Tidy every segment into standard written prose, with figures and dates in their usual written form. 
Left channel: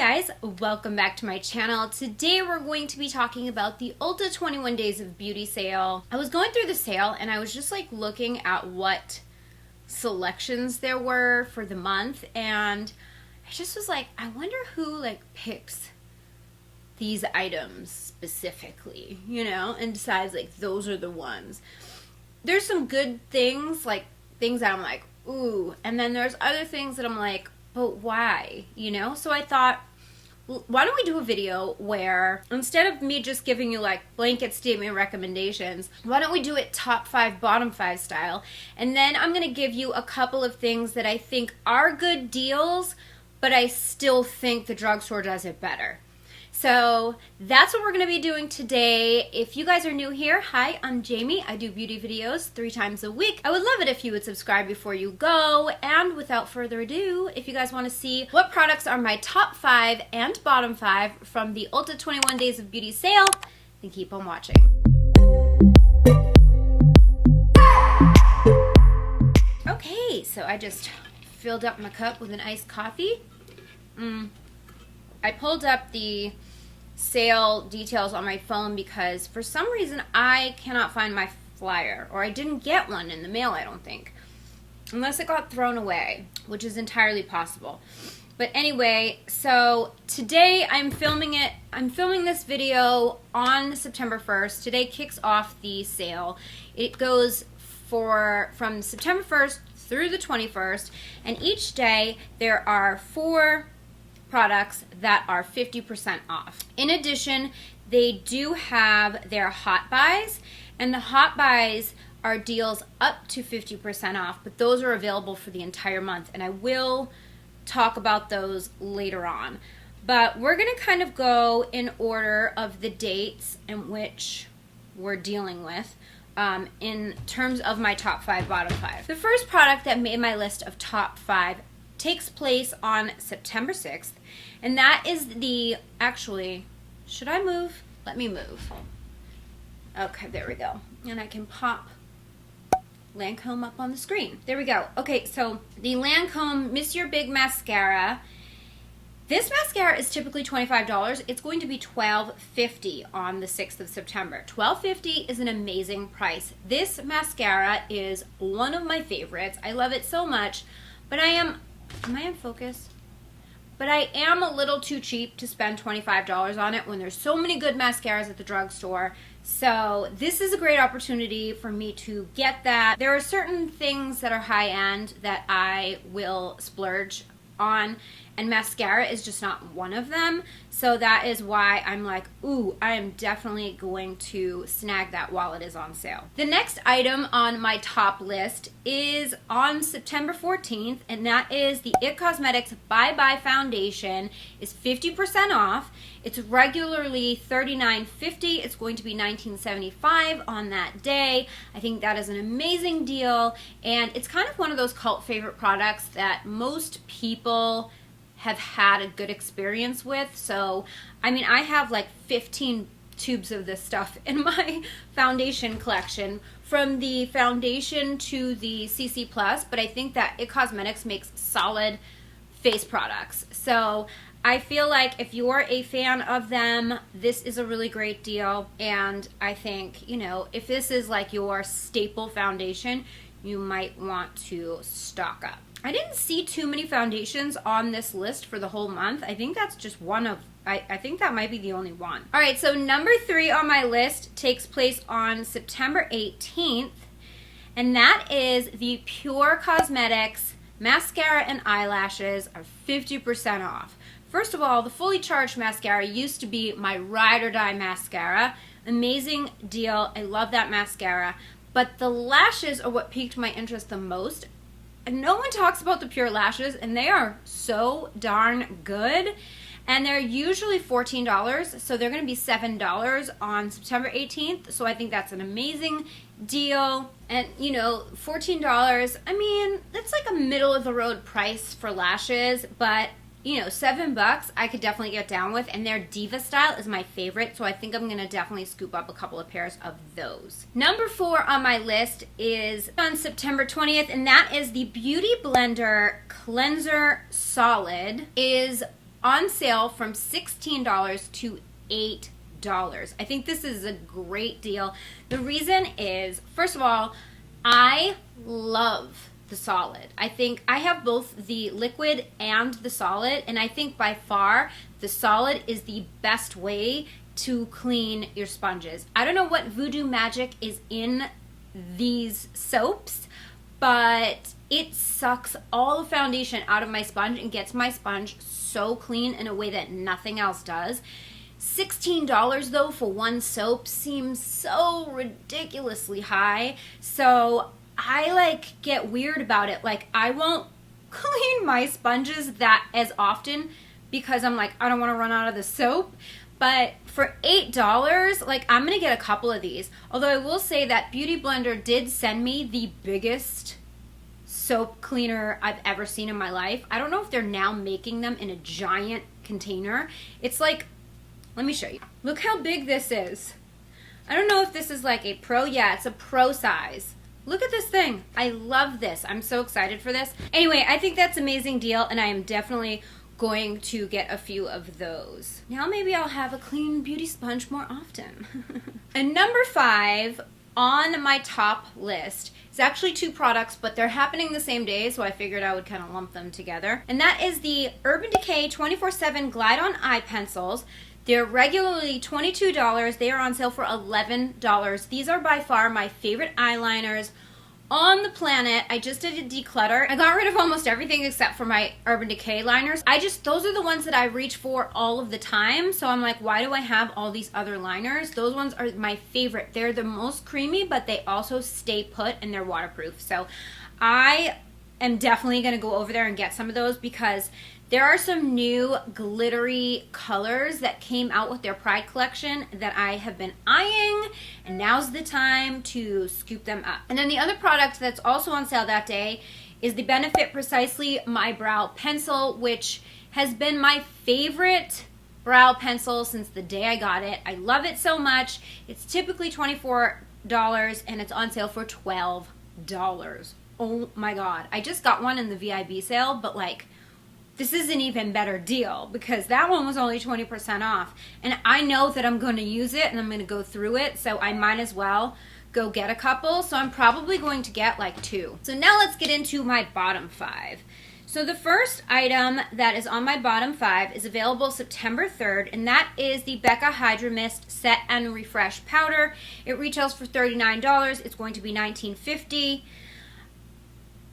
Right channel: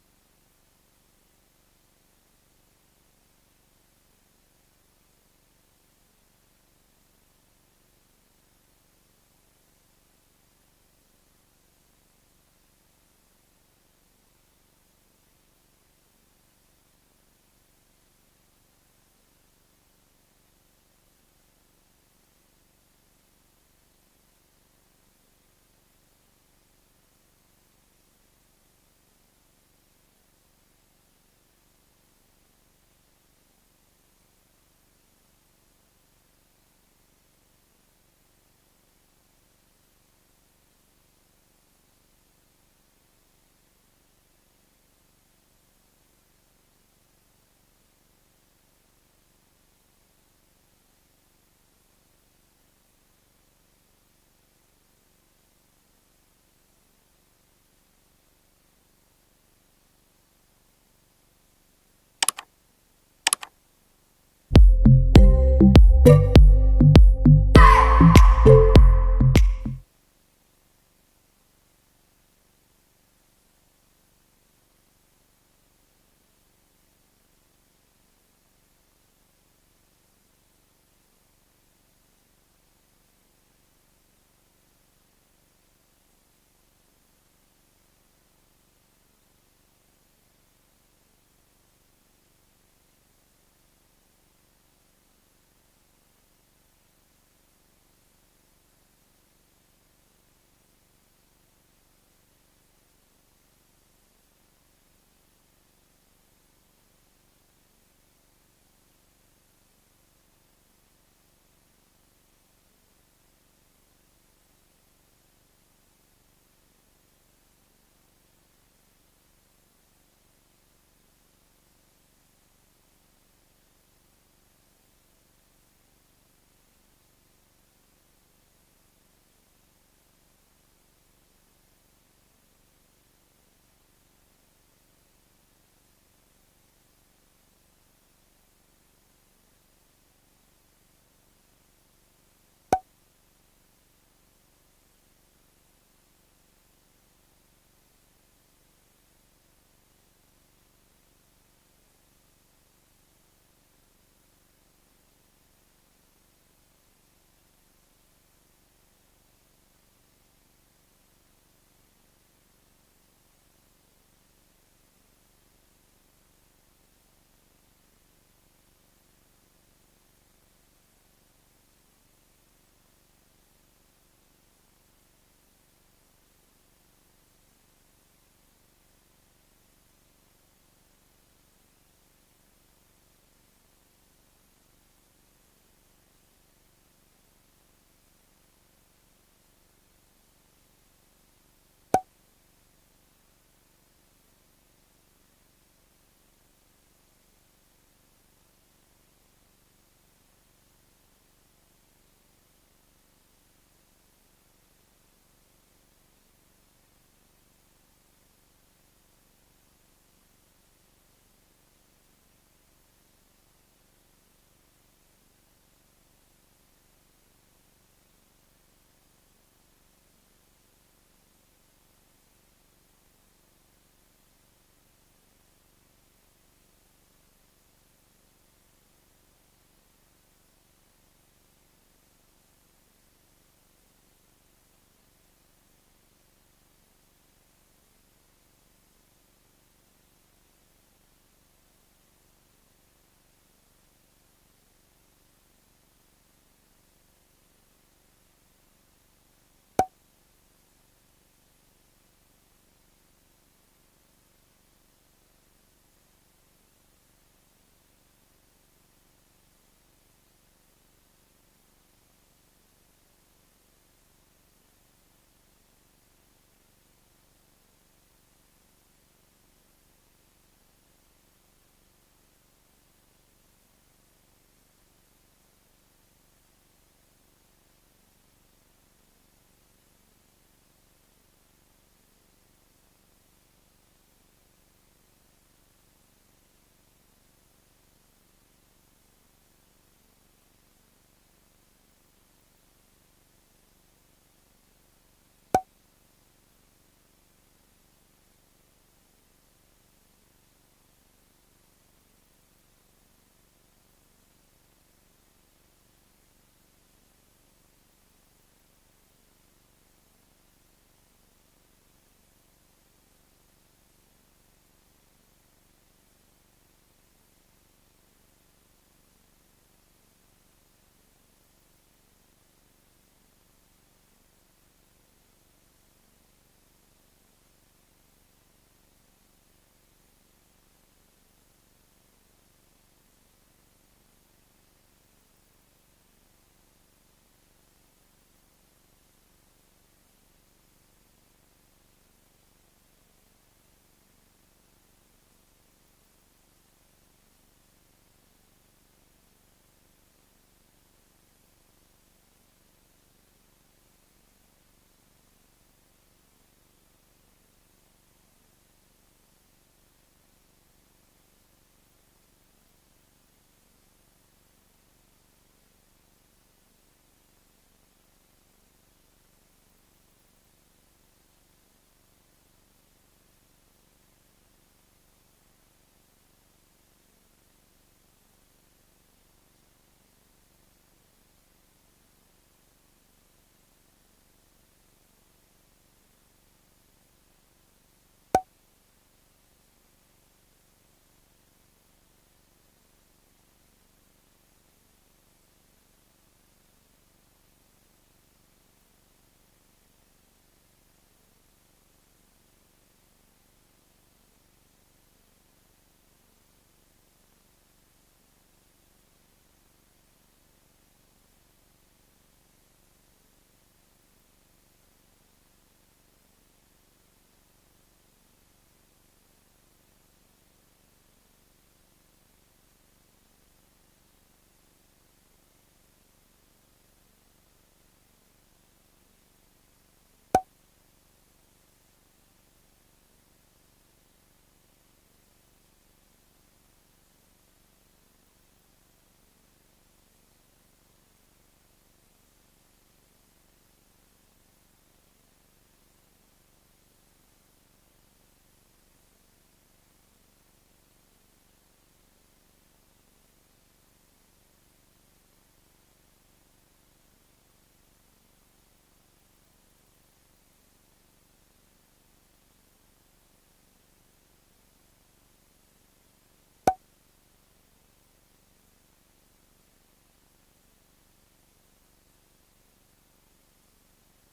guys, welcome back to my channel. Today we're going to be talking about the Ulta 21 Days of Beauty sale. I was going through the sale and I was just like looking at what selections there were for the month, and I just was like, I wonder who like picks these items specifically, you know, and decides like those are the ones. There's some good things, like things that I'm like, ooh, and then there's other things that I'm like, but why, you know? So I thought, well, why don't we do a video where instead of me just giving you like blanket statement recommendations, why don't we do it top 5, bottom 5 style? And then I'm going to give you a couple of things that I think are good deals, but I still think the drugstore does it better. So that's what we're going to be doing today. If you guys are new here, hi, I'm Jamie. I do beauty videos 3 times a week. I would love it if you would subscribe before you go. And without further ado, if you guys want to see what products are my top 5 and bottom 5 from the Ulta 21 Days of Beauty sale, then keep on watching. Okay, so I just filled up my cup with an iced coffee. I pulled up the sale details on my phone because for some reason I cannot find my flyer, or I didn't get one in the mail, I don't think, unless it got thrown away, which is entirely possible. But anyway, so today I'm filming this video on September 1st. Today kicks off the sale. It goes from September 1st through the 21st, and each day there are 4 products that are 50% off. In addition, they do have their hot buys, and the hot buys are deals up to 50% off, but those are available for the entire month, and I will talk about those later on. But we're gonna kind of go in order of the dates in which we're dealing with in terms of my top 5, bottom 5. The first product that made my list of top 5 takes place on September 6th, and that is actually, should I move? Let me move. Okay, there we go. And I can pop Lancome up on the screen. There we go. Okay, so the Lancome Miss Your Big Mascara. This mascara is typically $25. It's going to be $12.50 on the 6th of September. $12.50 is an amazing price. This mascara is one of my favorites. I love it so much, but am I in focus? But I am a little too cheap to spend $25 on it when there's so many good mascaras at the drugstore. So this is a great opportunity for me to get that. There are certain things that are high end that I will splurge on, and mascara is just not one of them. So that is why I'm like, ooh, I am definitely going to snag that while it is on sale. The next item on my top list is on September 14th, and that is the IT Cosmetics Bye Bye Foundation is 50% off. It's regularly $39.50. It's going to be $19.75 on that day. I think that is an amazing deal, and it's kind of one of those cult favorite products that most people have had a good experience with. So, I mean, I have like 15 tubes of this stuff in my foundation collection, from the foundation to the CC+, but I think that IT Cosmetics makes solid face products. So I feel like if you're a fan of them, this is a really great deal, and I think, you know, if this is like your staple foundation, you might want to stock up. I didn't see too many foundations on this list for the whole month. I think that's just one of, I think that might be the only one. All right, so number 3 on my list takes place on September 18th, and that is the Pure Cosmetics Mascara and Eyelashes are 50% off. First of all, the Fully Charged Mascara used to be my ride or die mascara. Amazing deal. I love that mascara. But the lashes are what piqued my interest the most. And no one talks about the Pure lashes, and they are so darn good. And they're usually $14, so they're going to be $7 on September 18th. So I think that's an amazing deal. And, you know, $14, I mean, that's like a middle of the road price for lashes, but you know, $7 I could definitely get down with, and their Diva Style is my favorite, so I think I'm gonna definitely scoop up a couple of pairs of those. Number 4 on my list is on September 20th, and that is the Beauty Blender Cleanser Solid. Is on sale from $16 to $8. I think this is a great deal. The reason is, first of all, I love the solid. I think I have both the liquid and the solid, and I think by far the solid is the best way to clean your sponges. I don't know what voodoo magic is in these soaps, but it sucks all the foundation out of my sponge and gets my sponge so clean in a way that nothing else does. $16 though for one soap seems so ridiculously high. So I like get weird about it. Like I won't clean my sponges that as often because I'm like, I don't want to run out of the soap. But for $8, like I'm gonna get a couple of these. Although I will say that Beauty Blender did send me the biggest soap cleaner I've ever seen in my life. I don't know if they're now making them in a giant container. It's like, let me show you. Look how big this is. I don't know if this is like a pro. Yeah, it's a pro size. Look at this thing. I love this. I'm so excited for this. Anyway, I think that's an amazing deal, and I am definitely going to get a few of those. Now maybe I'll have a clean beauty sponge more often. And number 5 on my top list is actually 2 products, but they're happening the same day, so I figured I would kind of lump them together. And that is the Urban Decay 24/7 Glide On Eye Pencils. They're regularly $22. They are on sale for $11. These are by far my favorite eyeliners on the planet. I just did a declutter. I got rid of almost everything except for my Urban Decay liners. Those are the ones that I reach for all of the time. So I'm like, why do I have all these other liners? Those ones are my favorite. They're the most creamy, but they also stay put and they're waterproof. So I am definitely going to go over there and get some of those because there are some new glittery colors that came out with their Pride collection that I have been eyeing, and now's the time to scoop them up. And then the other product that's also on sale that day is the Benefit Precisely My Brow Pencil, which has been my favorite brow pencil since the day I got it. I love it so much. It's typically $24 and it's on sale for $12. Oh my god. I just got one in the VIB sale, but like, this is an even better deal because that one was only 20% off. And I know that I'm going to use it and I'm going to go through it, so I might as well go get a couple. So I'm probably going to get like 2. So now let's get into my bottom 5. So the first item that is on my bottom 5 is available September 3rd, and that is the Becca Hydra Mist Set and Refresh Powder. It retails for $39. It's going to be $19.50.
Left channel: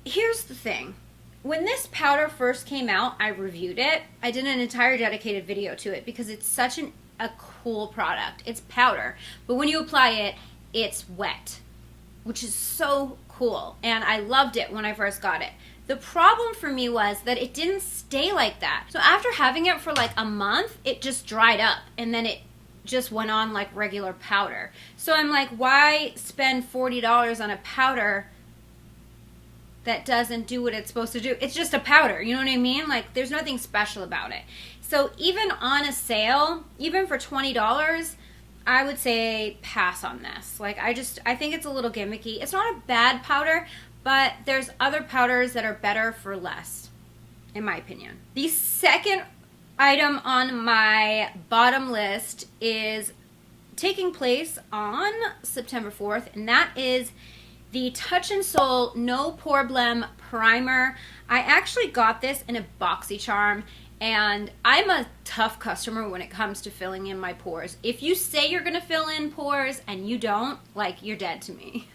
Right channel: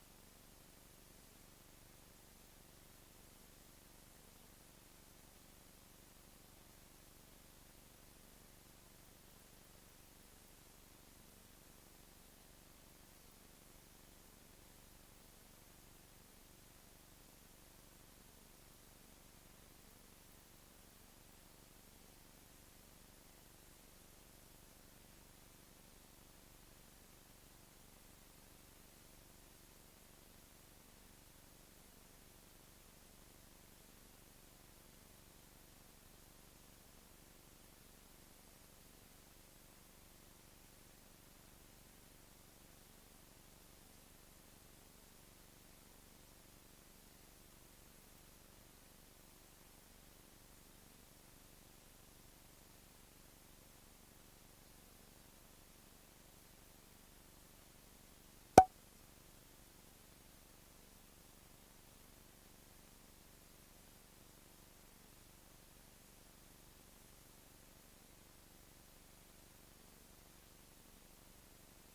Here's the thing. When this powder first came out, I reviewed it. I did an entire dedicated video to it because it's such a cool product. It's powder, but when you apply it, it's wet, which is so cool. And I loved it when I first got it. The problem for me was that it didn't stay like that. So after having it for like a month, it just dried up and then it just went on like regular powder. So I'm like, why spend $40 on a powder that doesn't do what it's supposed to do? It's just a powder, you know what I mean? Like, there's nothing special about it. So even on a sale, even for $20, I would say pass on this. Like, I think it's a little gimmicky. It's not a bad powder, but there's other powders that are better for less, in my opinion. The second item on my bottom list is taking place on September 4th, and that is the Touch in Sol No Problem Primer. I actually got this in a BoxyCharm, and I'm a tough customer when it comes to filling in my pores. If you say you're gonna fill in pores and you don't, like, you're dead to me.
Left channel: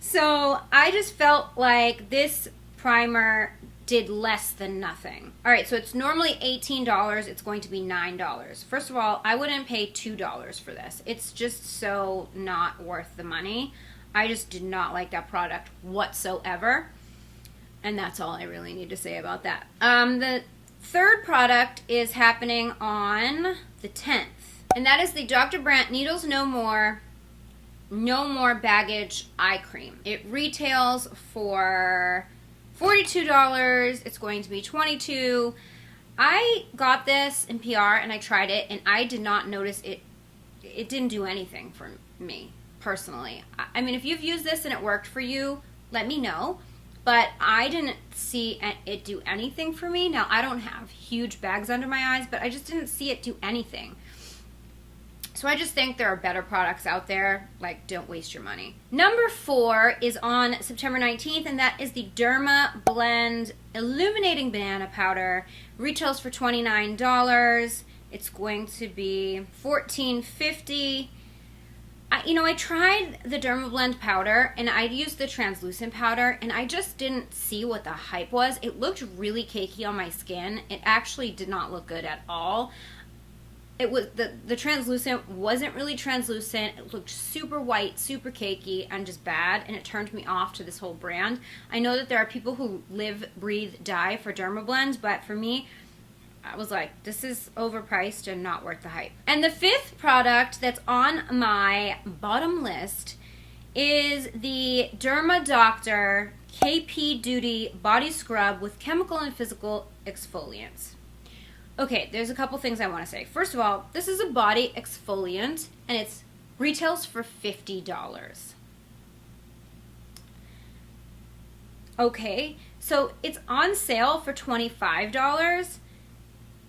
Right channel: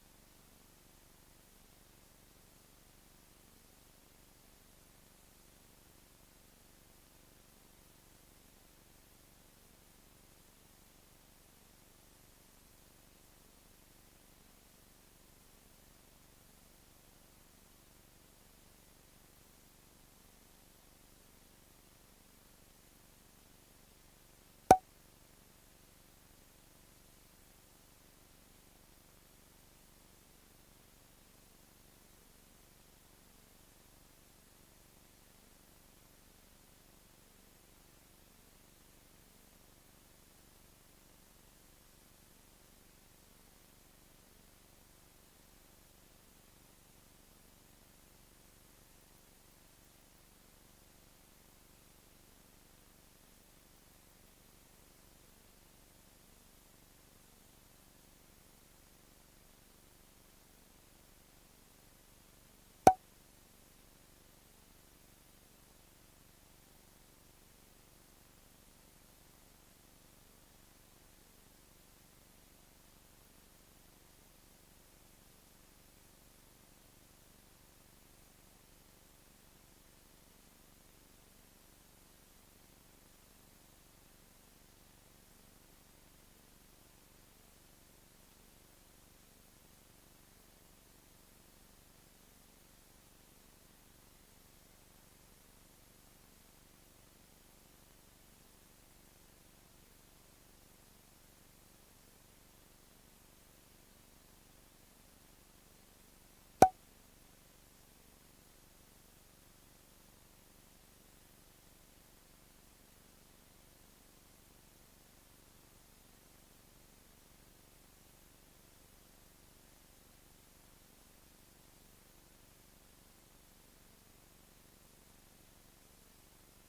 So I just felt like this primer did less than nothing. All right, so it's normally $18. It's going to be $9. First of all, I wouldn't pay $2 for this. It's just so not worth the money. I just did not like that product whatsoever. And that's all I really need to say about that. The third product is happening on the 10th. And that is the Dr. Brandt Needles No More Baggage Eye Cream. It retails for $42. It's going to be $22. I got this in PR and I tried it and I did not notice it. It didn't do anything for me. Personally, I mean, if you've used this and it worked for you, let me know, but I didn't see it do anything for me. Now, I don't have huge bags under my eyes, but I just didn't see it do anything. So I just think there are better products out there. Like, don't waste your money. Number 4 is on September 19th, and that is the Derma Blend Illuminating Banana Powder. Retails for $29. It's going to be $14.50. I tried the Derma Blend powder, and I used the translucent powder, and I just didn't see what the hype was. It looked really cakey on my skin. It actually did not look good at all. It was the translucent wasn't really translucent. It looked super white, super cakey, and just bad, and it turned me off to this whole brand. I know that there are people who live, breathe, die for Derma Blend, but for me, I was like, this is overpriced and not worth the hype. And the 5th product that's on my bottom list is the Derma Doctor KP Duty Body Scrub with chemical and physical exfoliants. Okay, there's a couple things I want to say. First of all, this is a body exfoliant, and it retails for $50. Okay, so it's on sale for $25.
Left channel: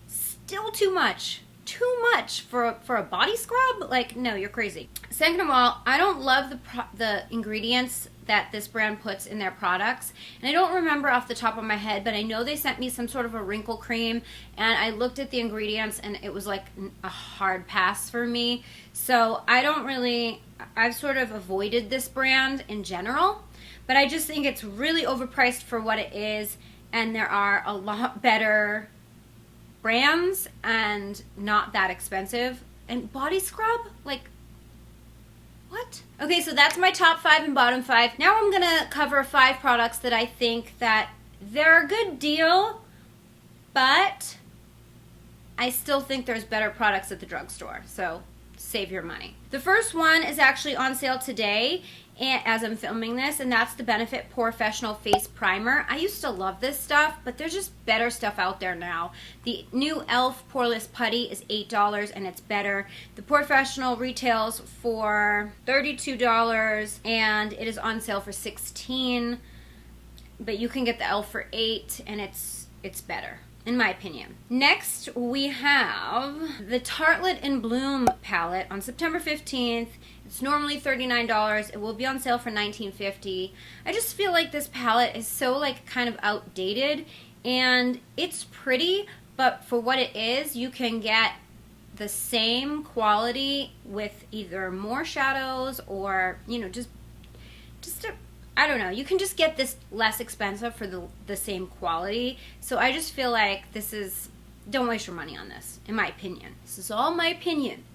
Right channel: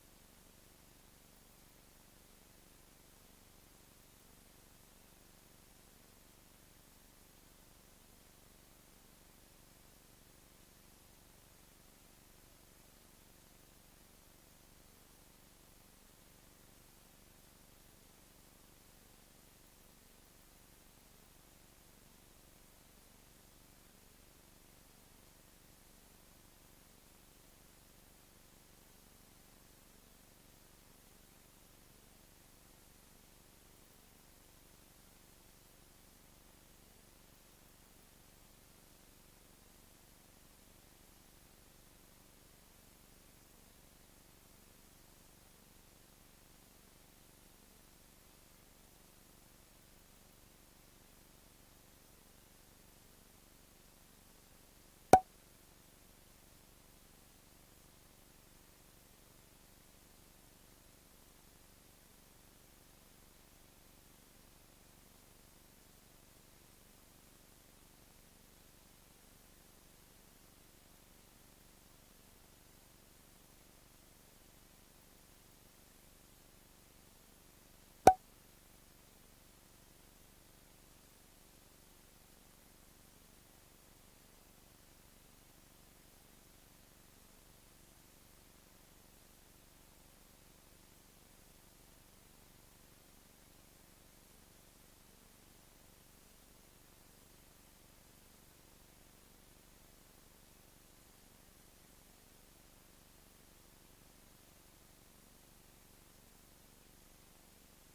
Still too much. Too much for a body scrub? Like, no, you're crazy. Second of all, I don't love the ingredients that this brand puts in their products. And I don't remember off the top of my head, but I know they sent me some sort of a wrinkle cream, and I looked at the ingredients, and it was like a hard pass for me. So I've sort of avoided this brand in general, but I just think it's really overpriced for what it is, and there are a lot better brands and not that expensive. And body scrub? Like, what? Okay, so that's my top 5 and bottom 5. Now I'm gonna cover 5 products that I think that they're a good deal, but I still think there's better products at the drugstore, so save your money. The first one is actually on sale today as I'm filming this, and that's the Benefit Professional Face Primer. I used to love this stuff, but there's just better stuff out there now. The new e.l.f. Poreless Putty is $8, and it's better. The Professional retails for $32, and it is on sale for $16, but you can get the e.l.f. for $8, and it's better, in my opinion. Next, we have the Tartelette in Bloom palette on September 15th. It's normally $39. It will be on sale for $19.50. I just feel like this palette is so kind of outdated, and it's pretty, but for what it is, you can get the same quality with either more shadows or, I don't know. You can just get this less expensive for the same quality. So I just feel like don't waste your money on this, in my opinion. This is all my opinion.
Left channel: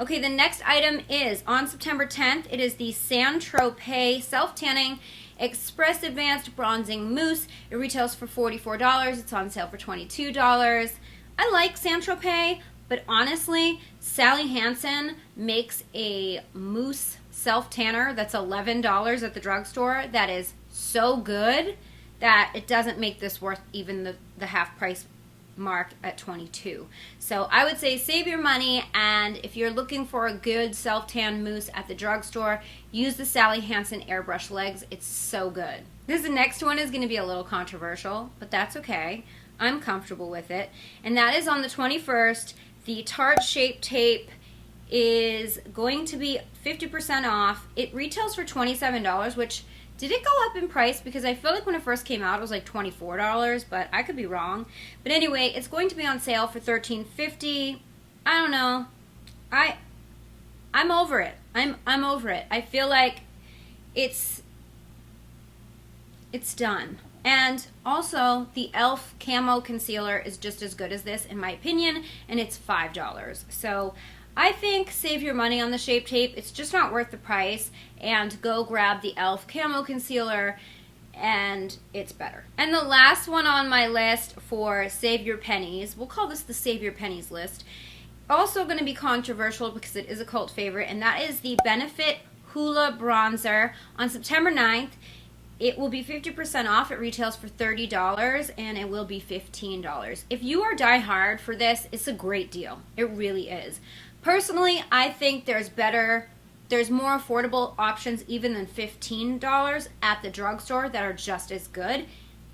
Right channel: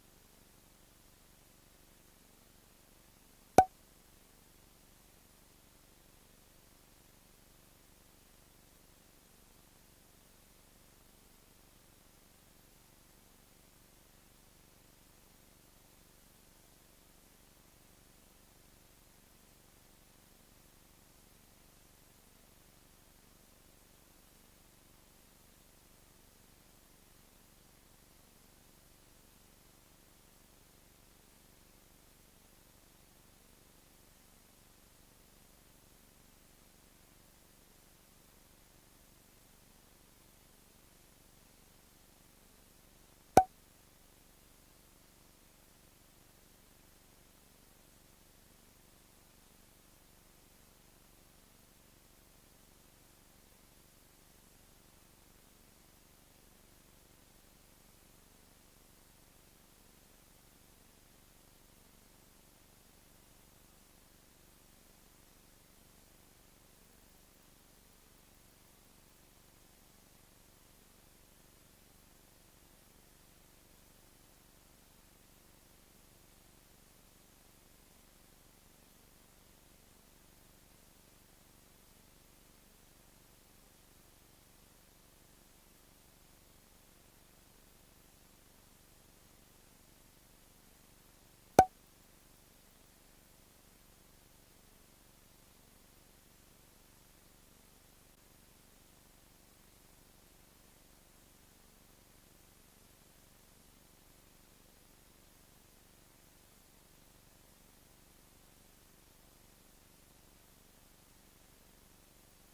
Okay, the next item is on September 10th. It is the Saint Tropez Self-Tanning Express Advanced Bronzing Mousse. It retails for $44. It's on sale for $22. I like Saint Tropez, but honestly, Sally Hansen makes a mousse self-tanner that's $11 at the drugstore that is so good that it doesn't make this worth even the half price mark at $22. So I would say save your money, and if you're looking for a good self-tan mousse at the drugstore, use the Sally Hansen Airbrush Legs. It's so good. The next one is going to be a little controversial, but that's okay. I'm comfortable with it. And that is on the 21st. The Tarte Shape Tape is going to be 50% off. It retails for $27, which did it go up in price? Because I feel like when it first came out, it was like $24, but I could be wrong. But anyway, it's going to be on sale for $13.50. I don't know. I'm over it. I'm over it. I feel like it's done. And also, the e.l.f. Camo Concealer is just as good as this, in my opinion, and it's $5. So I think save your money on the Shape Tape. It's just not worth the price. And go grab the e.l.f. Camo Concealer, and it's better. And the last one on my list for Save Your Pennies, we'll call this the Save Your Pennies list, also going to be controversial because it is a cult favorite, and that is the Benefit Hoola Bronzer on September 9th. It will be 50% off. It retails for $30, and it will be $15. If you are die-hard for this, it's a great deal. It really is. Personally, I think there's more affordable options even than $15 at the drugstore that are just as good.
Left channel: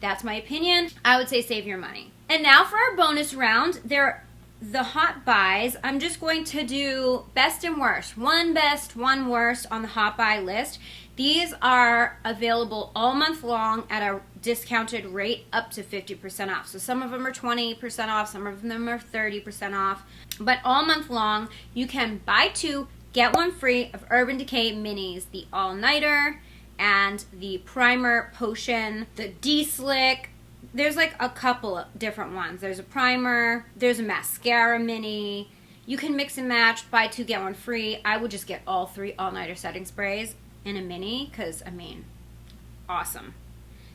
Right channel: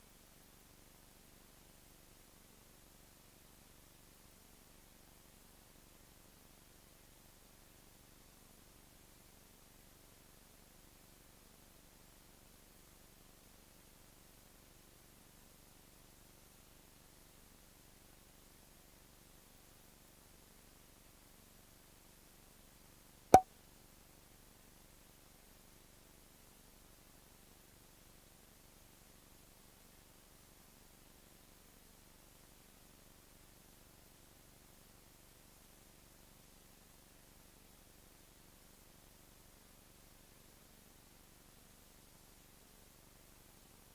That's my opinion. I would say save your money. And now for our bonus round. They're the hot buys. I'm just going to do best and worst. One best, one worst on the hot buy list. These are available all month long at a discounted rate up to 50% off. So some of them are 20% off, some of them are 30% off. But all month long, you can buy 2, get 1 free of Urban Decay Minis, the All-Nighter and the Primer Potion, the D-Slick. There's like a couple of different ones. There's a primer, there's a mascara mini. You can mix and match, buy 2, get 1 free. I would just get all 3 All-Nighter setting sprays in a mini because, I mean, awesome.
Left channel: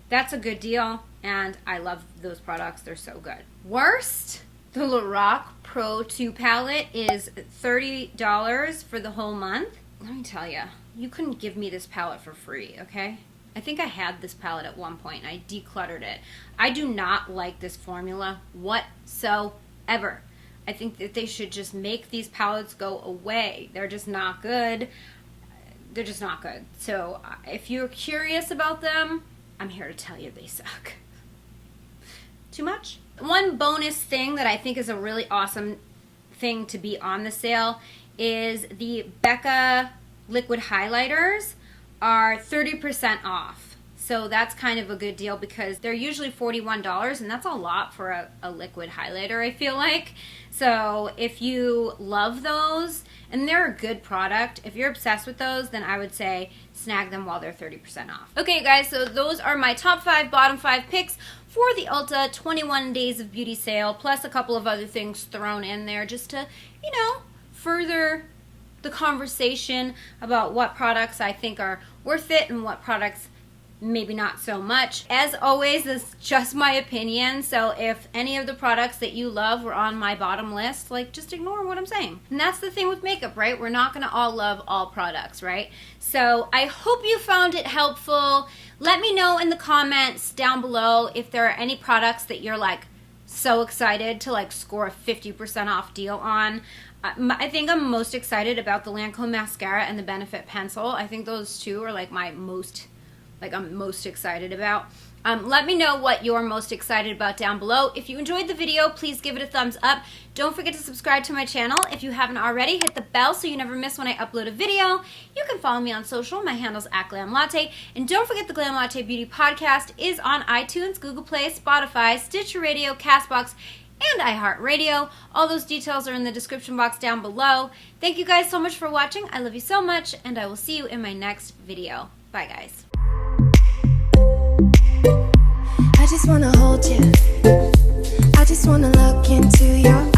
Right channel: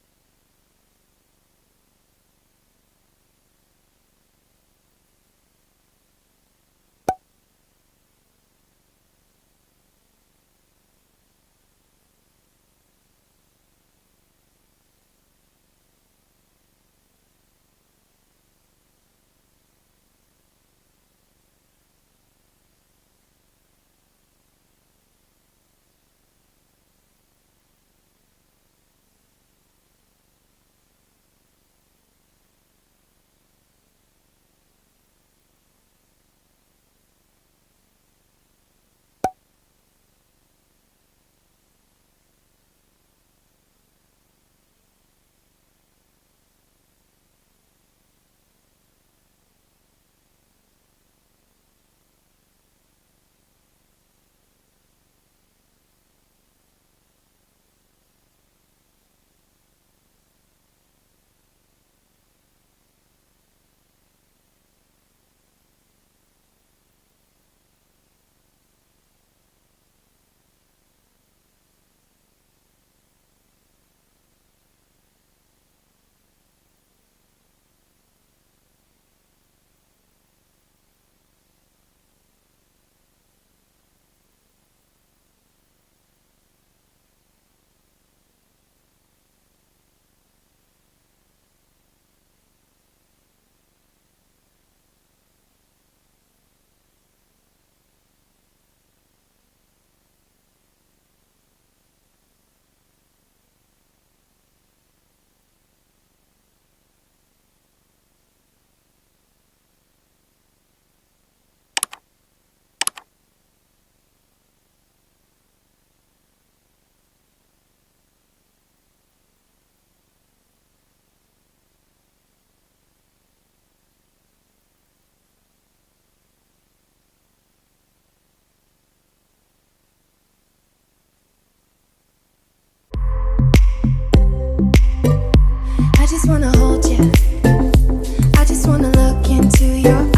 That's a good deal, and I love those products. They're so good. Worst, the Lorac Pro 2 palette is $30 for the whole month. Let me tell you, you couldn't give me this palette for free, okay? I think I had this palette at one point, and I decluttered it. I do not like this formula whatsoever. I think that they should just make these palettes go away. They're just not good. They're just not good. So if you're curious about them, I'm here to tell you they suck. Too much? One bonus thing that I think is a really awesome thing to be on the sale is the Becca liquid highlighters are 30% off. So that's kind of a good deal because they're usually $41, and that's a lot for a liquid highlighter, I feel like. So if you love those, and they're a good product, if you're obsessed with those, then I would say snag them while they're 30% off. Okay guys, so those are my top 5, bottom 5 picks for the Ulta 21 Days of Beauty sale, plus a couple of other things thrown in there just to, you know, further the conversation about what products I think are worth it and what products maybe not so much. As always, this is just my opinion, so if any of the products that you love were on my bottom list, like, just ignore what I'm saying. And that's the thing with makeup, right? We're not gonna all love all products, right? So I hope you found it helpful. Let me know in the comments down below if there are any products that you're like so excited to like score a 50% off deal on. I think I'm most excited about the Lancome mascara and the Benefit pencil. I think those two are like my most, I'm most excited about. Let me know what you're most excited about down below. If you enjoyed the video, please give it a thumbs up. Don't forget to subscribe to my channel. If you haven't already, hit the bell so you never miss when I upload a video. You can follow me on social. My handle's @GlamLatte. And don't forget the Glam Latte Beauty Podcast is on iTunes, Google Play, Spotify, Stitcher Radio, CastBox, and iHeartRadio. All those details are in the description box down below. Thank you guys so much for watching. I love you so much, and I will see you in my next video. Bye, guys. I just wanna hold you. I just wanna look into your